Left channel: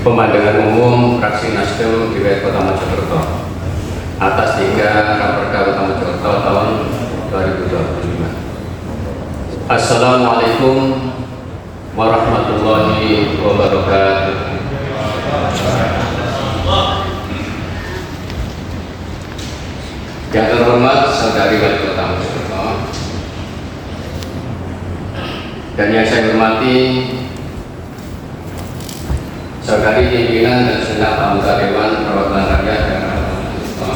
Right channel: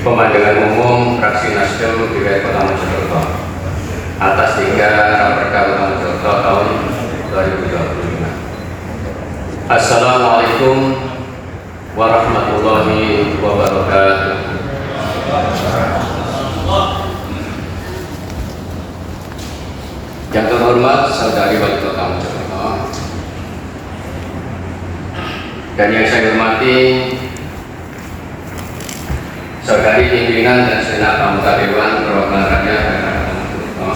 Pemandangan umum fraksi Nasdem wilayah Kota Mojokerto atas 3 Raperda Kota Mojokerto tahun 2025. Assalamualaikum warahmatullahi wabarakatuh. Yang terhormat Saudari Wali Kota Mojokerto dan yang saya hormati Saudari pimpinan dan segenap anggota Dewan Perwakilan Rakyat daerah Kota Mojokerto.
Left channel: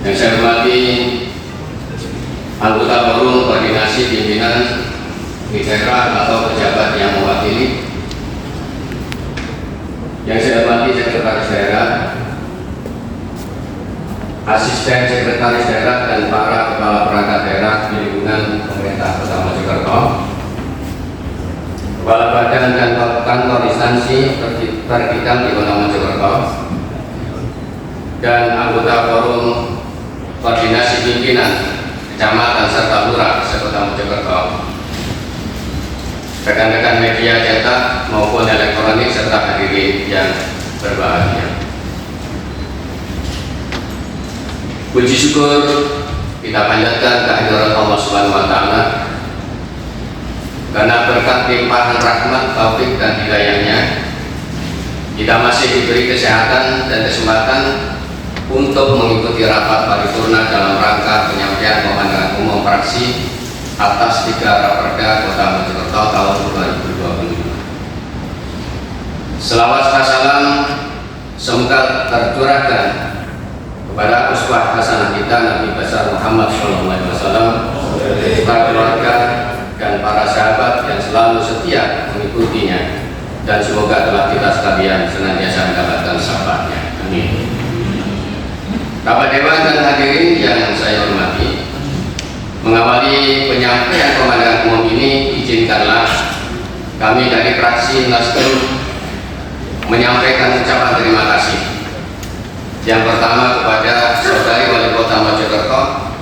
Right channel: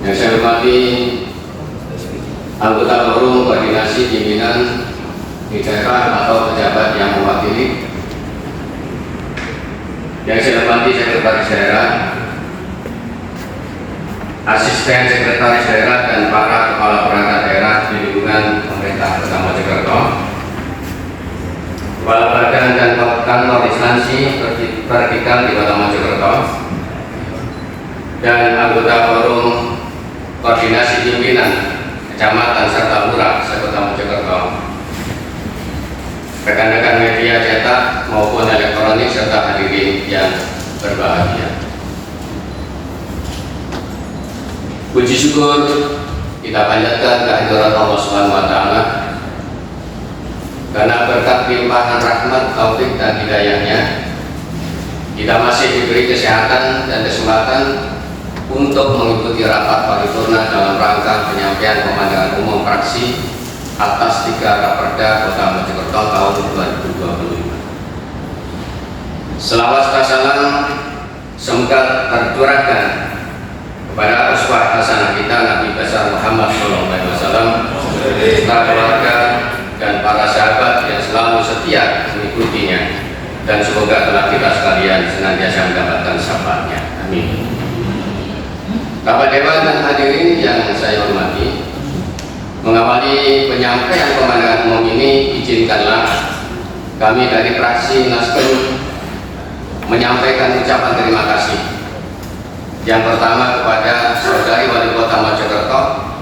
Yang saya hormati anggota forum koordinasi pimpinan di daerah atau pejabat yang mewakili. Yang saya hormati sekretaris daerah, asisten sekretaris daerah dan para kepala perangkat daerah di lingkungan pemerintah Kota Mojokerto, kepala badan dan kantor instansi vertikal di Kota Mojokerto, dan anggota forum koordinasi pimpinan kecamatan serta lurah se-Kota Mojokerto, rekan-rekan media cetak maupun elektronik serta hadirin yang berbahagia. Puji syukur kita panjatkan kehadirat Allah Subhanahu wa Ta'ala karena berkat limpahan rahmat, taufik dan hidayahnya kita masih diberi kesehatan dan kesempatan untuk mengikuti rapat paripurna dalam rangka penyampaian pemandangan umum fraksi atas 3 Raperda Kota Mojokerto tahun 2025. Selawat salam semoga tercurahkan kepada uswah hasanah kita Nabi besar Muhammad SAW, para keluarga dan para sahabat yang selalu setia mengikutinya, dan semoga telah kita sekalian senantiasa mendapatkan syafaatnya. Amin. Bapak Dewan dan hadirin yang saya hormati, mengawali penyampaian pemandangan umum ini, izinkanlah kami dari fraksi Nasdem menyampaikan ucapan terima kasih. Yang pertama kepada Saudari Wali Kota Mojokerto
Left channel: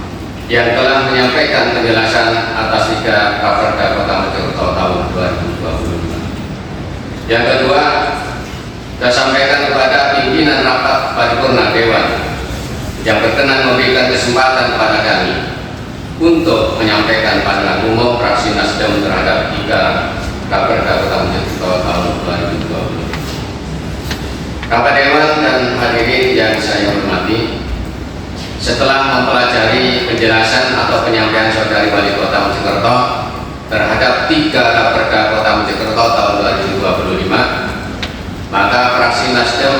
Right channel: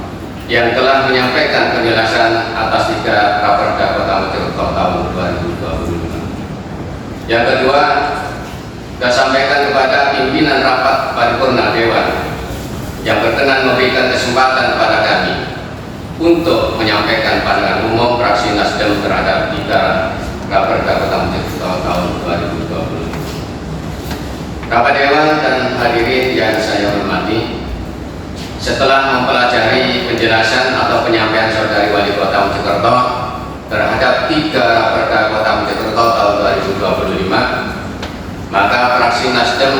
yang telah menyampaikan penjelasan atas 3 Raperda Kota Mojokerto tahun 2025. Yang kedua, saya sampaikan kepada pimpinan rapat paripurna Dewan yang berkenan memberikan kesempatan kepada kami untuk menyampaikan pandangan umum fraksi Nasdem terhadap 3 Raperda Kota Mojokerto tahun 2025. Bapak Dewan dan hadirin yang saya hormati, setelah mempelajari penjelasan atau penyampaian Saudari Wali Kota Mojokerto terhadap 3 Raperda Kota Mojokerto tahun 2025, maka fraksi Nasdem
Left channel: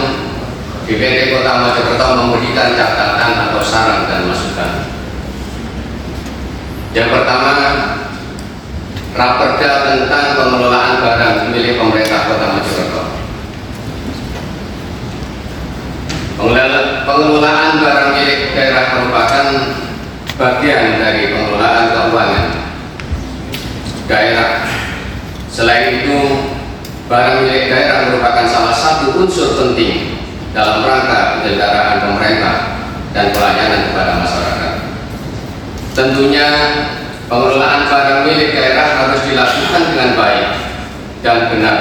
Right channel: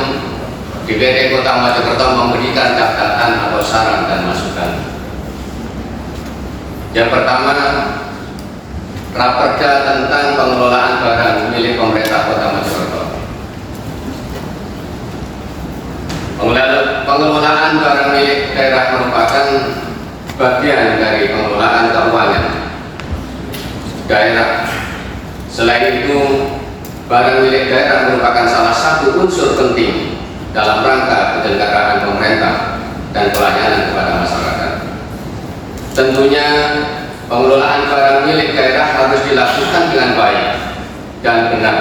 DPRD Kota Mojokerto memberikan catatan atau saran dan masukan. Yang pertama, Raperda tentang pengelolaan barang milik pemerintah Kota Mojokerto. Pengelolaan barang milik daerah merupakan bagian dari pengelolaan keuangan daerah. Selain itu, barang milik daerah merupakan salah satu unsur penting dalam rangka penyelenggaraan pemerintah dan pelayanan kepada masyarakat. Tentunya pengelolaan barang milik daerah harus dilakukan dengan baik dan benar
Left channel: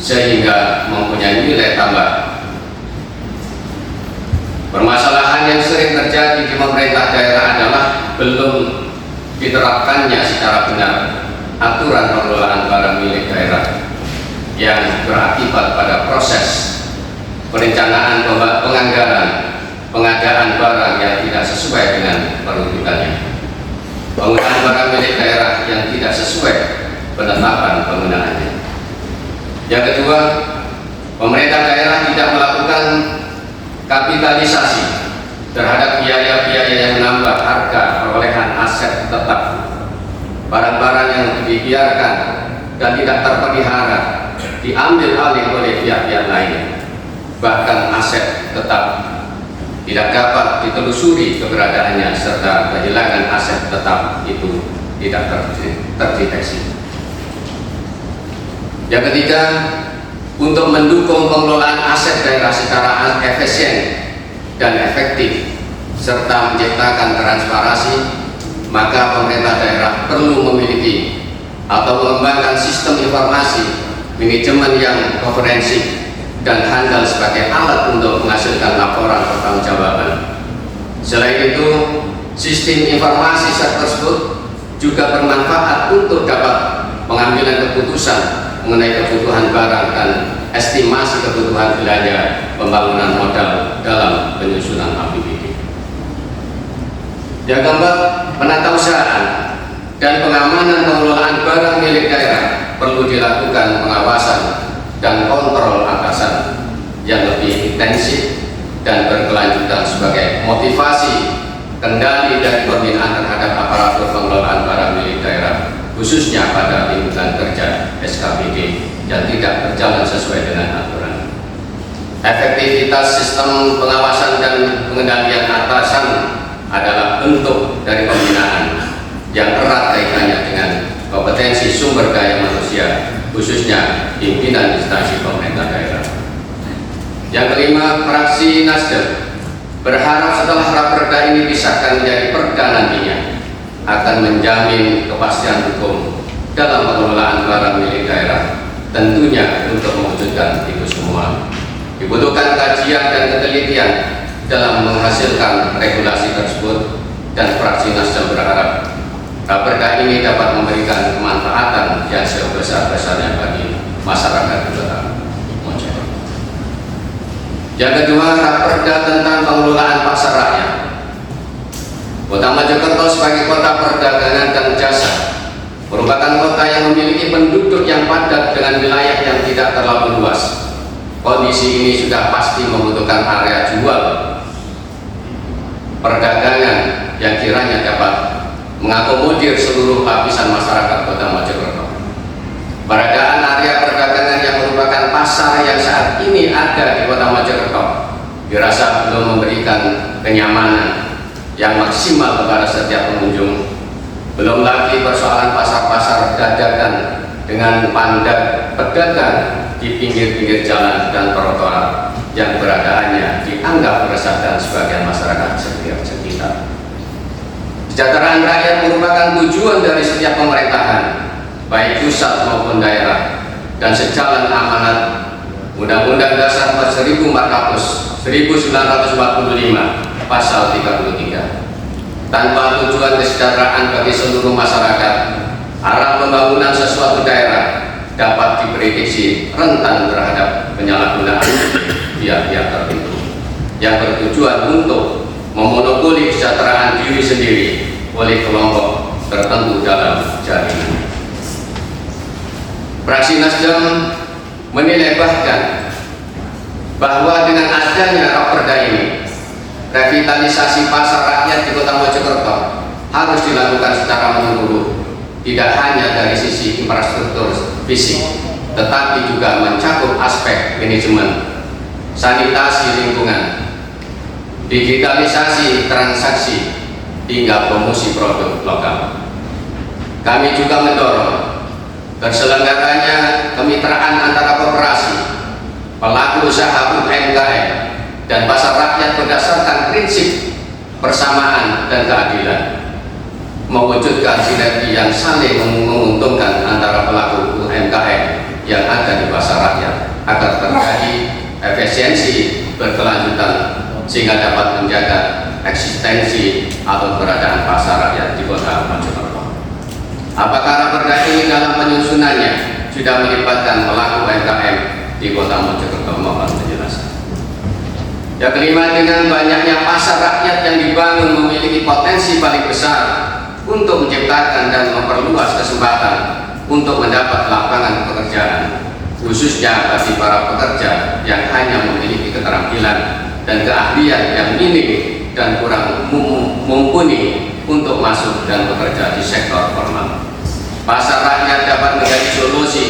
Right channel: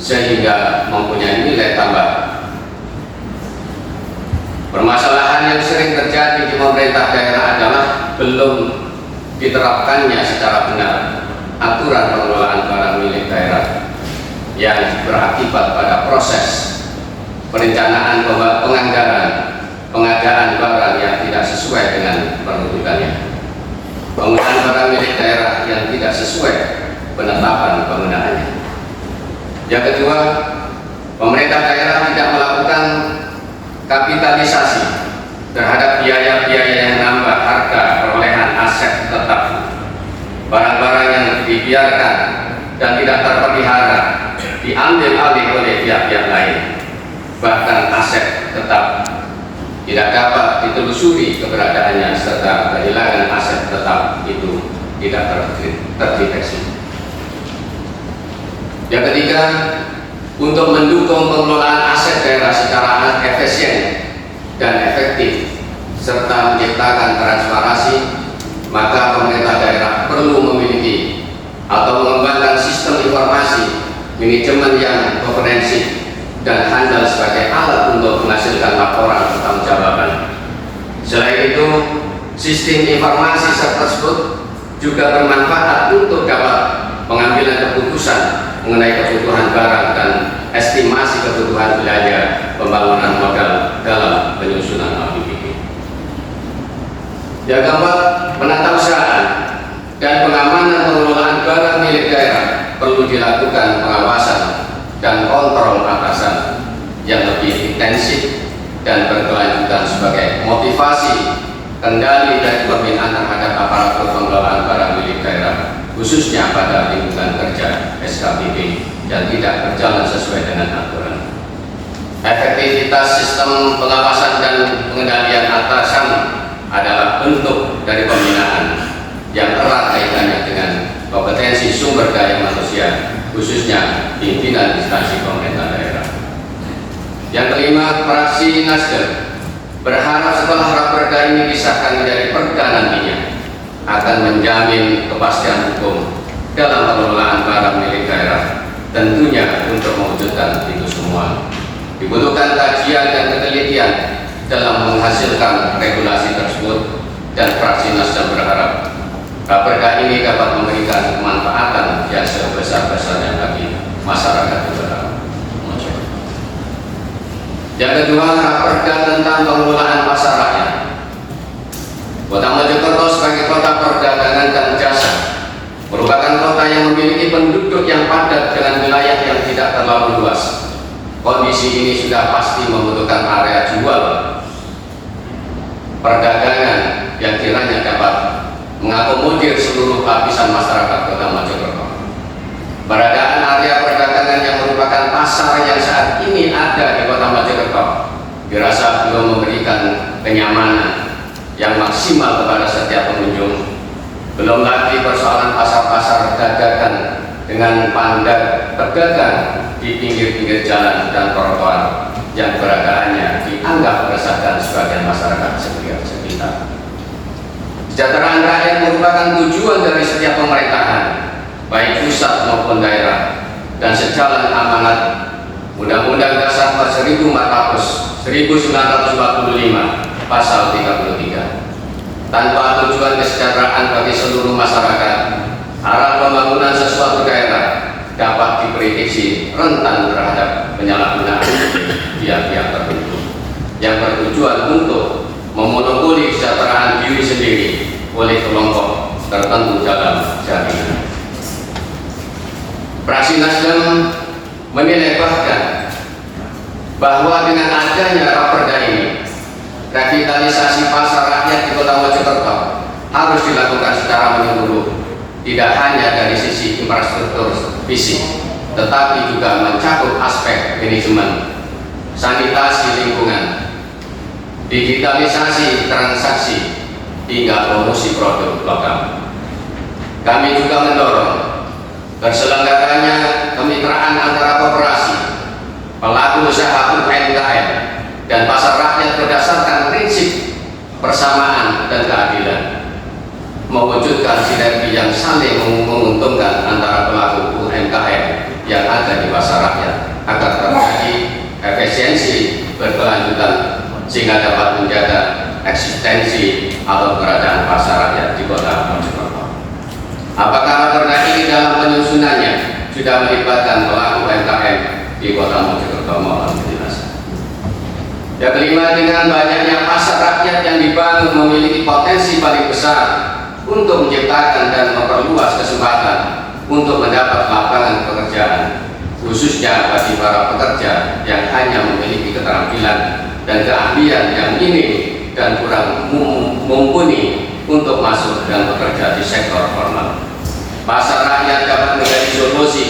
sehingga mempunyai nilai tambah. Permasalahan yang sering terjadi di pemerintah daerah adalah belum diterapkannya secara benar aturan pengelolaan barang milik daerah yang berakibat pada proses perencanaan penganggaran pengadaan barang yang tidak sesuai dengan peruntukannya, penggunaan barang milik daerah yang tidak sesuai penetapan penggunaannya. Yang kedua, pemerintah daerah tidak melakukan kapitalisasi terhadap biaya-biaya yang menambah harga perolehan aset tetap. Barang-barang yang dibiarkan dan tidak terpelihara diambil alih oleh pihak-pihak lain, bahkan aset tetap tidak dapat ditelusuri keberadaannya serta kehilangan aset tetap itu tidak terdeteksi. Yang ketiga, untuk mendukung pengelolaan aset daerah secara efisien dan efektif serta menciptakan transparansi, maka pemerintah daerah perlu memiliki atau mengembangkan sistem informasi manajemen yang komprehensif dan handal sebagai alat untuk menghasilkan laporan pertanggungjawaban. Selain itu, sistem informasi tersebut juga bermanfaat untuk dapat pengambilan keputusan mengenai kebutuhan barang dan estimasi kebutuhan belanja pembangunan modal dalam penyusunan APBD. Yang keempat, penata usahaan dan pengamanan pengelolaan barang milik daerah perlu dilakukan pengawasan dan kontrol atasan yang lebih intensif dan berkelanjutan sebagai motivasi kendali dan pembinaan terhadap aparatur pengelolaan barang milik daerah, khususnya pada lingkungan kerja SKPD yang tidak berjalan sesuai dengan aturan. Efektivitas sistem pengawasan dan pengendalian atasan adalah bentuk dari pembinaan yang erat kaitannya dengan kompetensi sumber daya manusia, khususnya pimpinan instansi pemerintah daerah. Yang kelima, fraksi Nasdem berharap setelah raperda ini disahkan menjadi perda nantinya akan menjamin kepastian hukum dalam pengelolaan barang milik daerah. Tentunya untuk mewujudkan itu semua dibutuhkan kajian dan penelitian dalam menghasilkan regulasi tersebut, dan fraksi Nasdem berharap raperda ini dapat memberikan kemanfaatan yang sebesar-besarnya bagi masyarakat negara. Yang kedua, raperda tentang pengelolaan pasar rakyat. Kota Mojokerto sebagai kota perdagangan dan jasa merupakan kota yang memiliki penduduk yang padat dengan wilayah yang tidak terlalu luas. Kondisi ini sudah pasti membutuhkan area jual perdagangan yang kiranya dapat mengakomodir seluruh lapisan masyarakat Kota Mojokerto. Peradaan area perdagangan yang merupakan pasar yang saat ini ada di Kota Mojokerto dirasa belum memberikan kenyamanan yang maksimal kepada setiap pengunjung. Belum lagi persoalan pasar-pasar dadakan dengan pandang pedagang di pinggir-pinggir jalan dan trotoar yang keberadaannya dianggap meresahkan sebagian masyarakat sekitar. Kesejahteraan rakyat merupakan tujuan dari setiap pemerintahan, baik pusat maupun daerah, dan sejalan amanat Undang-Undang Dasar 1945 Pasal 33. Tanpa tujuan kesejahteraan bagi seluruh masyarakat, arah pembangunan sesuatu daerah dapat diprediksi rentan terhadap penyalahgunaan pihak-pihak tertentu yang bertujuan untuk memonopoli kesejahteraan diri sendiri oleh kelompok tertentu dalam jaringan. Fraksi Nasdem menilai bahwa dengan adanya raperda ini, revitalisasi pasar rakyat di Kota Mojokerto harus dilakukan secara menyeluruh, tidak hanya dari sisi infrastruktur fisik, tetapi juga mencakup aspek manajemen, sanitasi lingkungan, digitalisasi transaksi, hingga promosi produk lokal. Kami juga mendorong terselenggaranya kemitraan antara koperasi, pelaku usaha UMKM, dan pasar rakyat berdasarkan prinsip persamaan dan keadilan, mewujudkan sinergi yang saling menguntungkan antara pelaku UMKM yang ada di pasar rakyat agar terjadi efisiensi berkelanjutan sehingga dapat menjaga eksistensi atau keberadaan pasar rakyat di Kota Mojokerto. Apakah raperda ini dalam penyusunannya sudah melibatkan pelaku UMKM di Kota Mojokerto maupun di desa? Yang kelima, dengan banyaknya pasar rakyat yang dibangun memiliki potensi paling besar untuk menciptakan dan memperluas kesempatan untuk mendapat lapangan pekerjaan, khususnya bagi para pekerja yang hanya memiliki keterampilan dan keahlian yang minim dan kurang mumpuni untuk masuk dan bekerja di sektor formal. Pasar rakyat dapat menjadi solusi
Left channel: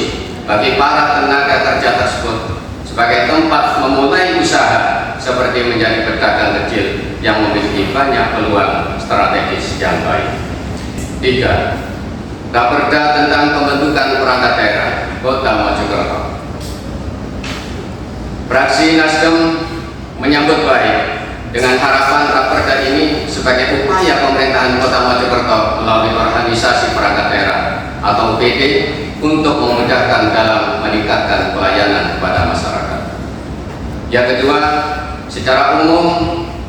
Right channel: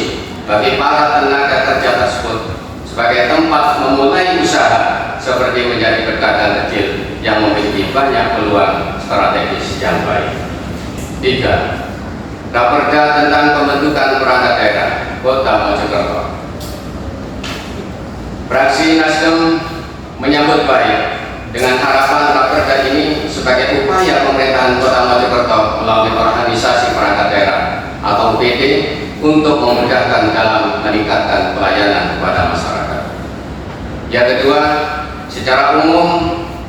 bagi para tenaga kerja tersebut sebagai tempat memulai usaha, seperti menjadi pedagang kecil yang memiliki banyak peluang strategis yang baik. 3. Raperda tentang pembentukan perangkat daerah Kota Mojokerto. Fraksi Nasdem menyambut baik dengan harapan raperda ini sebagai upaya pemerintahan Kota Mojokerto melalui organisasi perangkat daerah atau UPD untuk memudahkan dalam meningkatkan pelayanan kepada masyarakat. Yang kedua, secara umum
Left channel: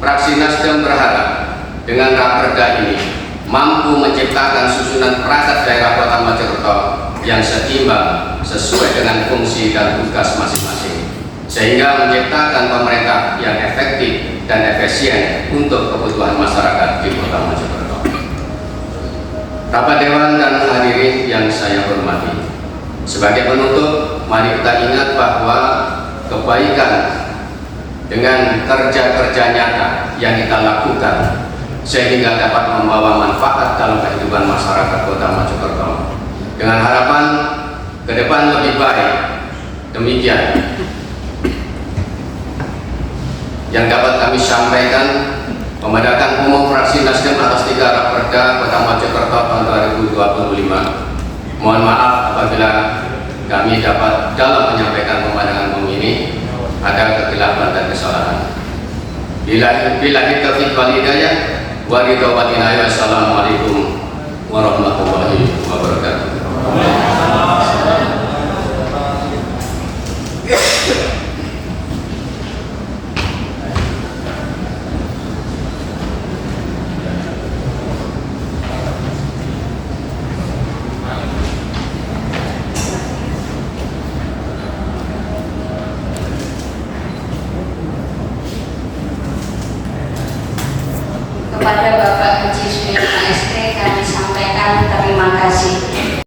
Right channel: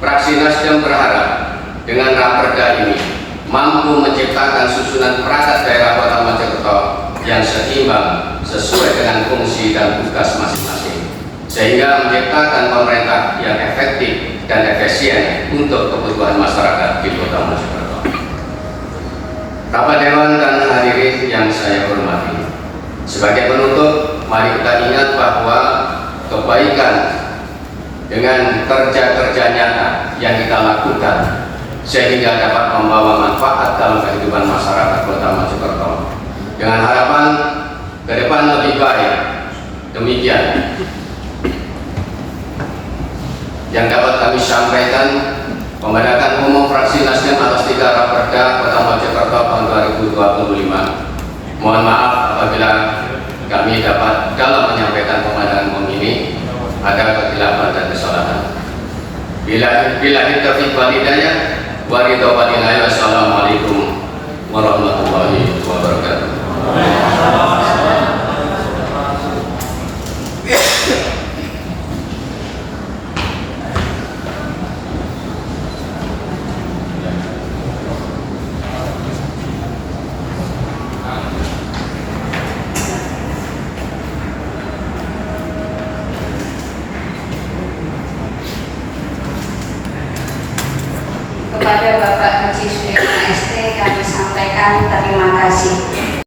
fraksi Nasdem berharap dengan Raperda ini mampu menciptakan susunan perangkat daerah Kota Mojokerto yang seimbang sesuai dengan fungsi dan tugas masing-masing, sehingga menciptakan pemerintah yang efektif dan efisien untuk kebutuhan masyarakat di Kota Mojokerto. Bapak Dewan dan hadirin yang saya hormati, sebagai penutup, mari kita ingat bahwa kebaikan dengan kerja-kerja nyata yang kita lakukan sehingga dapat membawa manfaat dalam kehidupan masyarakat Kota Mojokerto. Dengan harapan ke depan lebih baik. Demikian yang dapat kami sampaikan. Pembahasan umum fraksi Nasdem atas 3 Raperda Kota Mojokerto tahun 2025. Mohon maaf apabila kami dapat dalam menyampaikan pembahasan umum ini ada kekeliruan dan kesalahan. Bila taufiq wal hidayah wa ridho wa inayah. Wassalamualaikum warahmatullahi wabarakatuh. Kepada Bapak Haji Sudirman ST kami sampaikan terima kasih.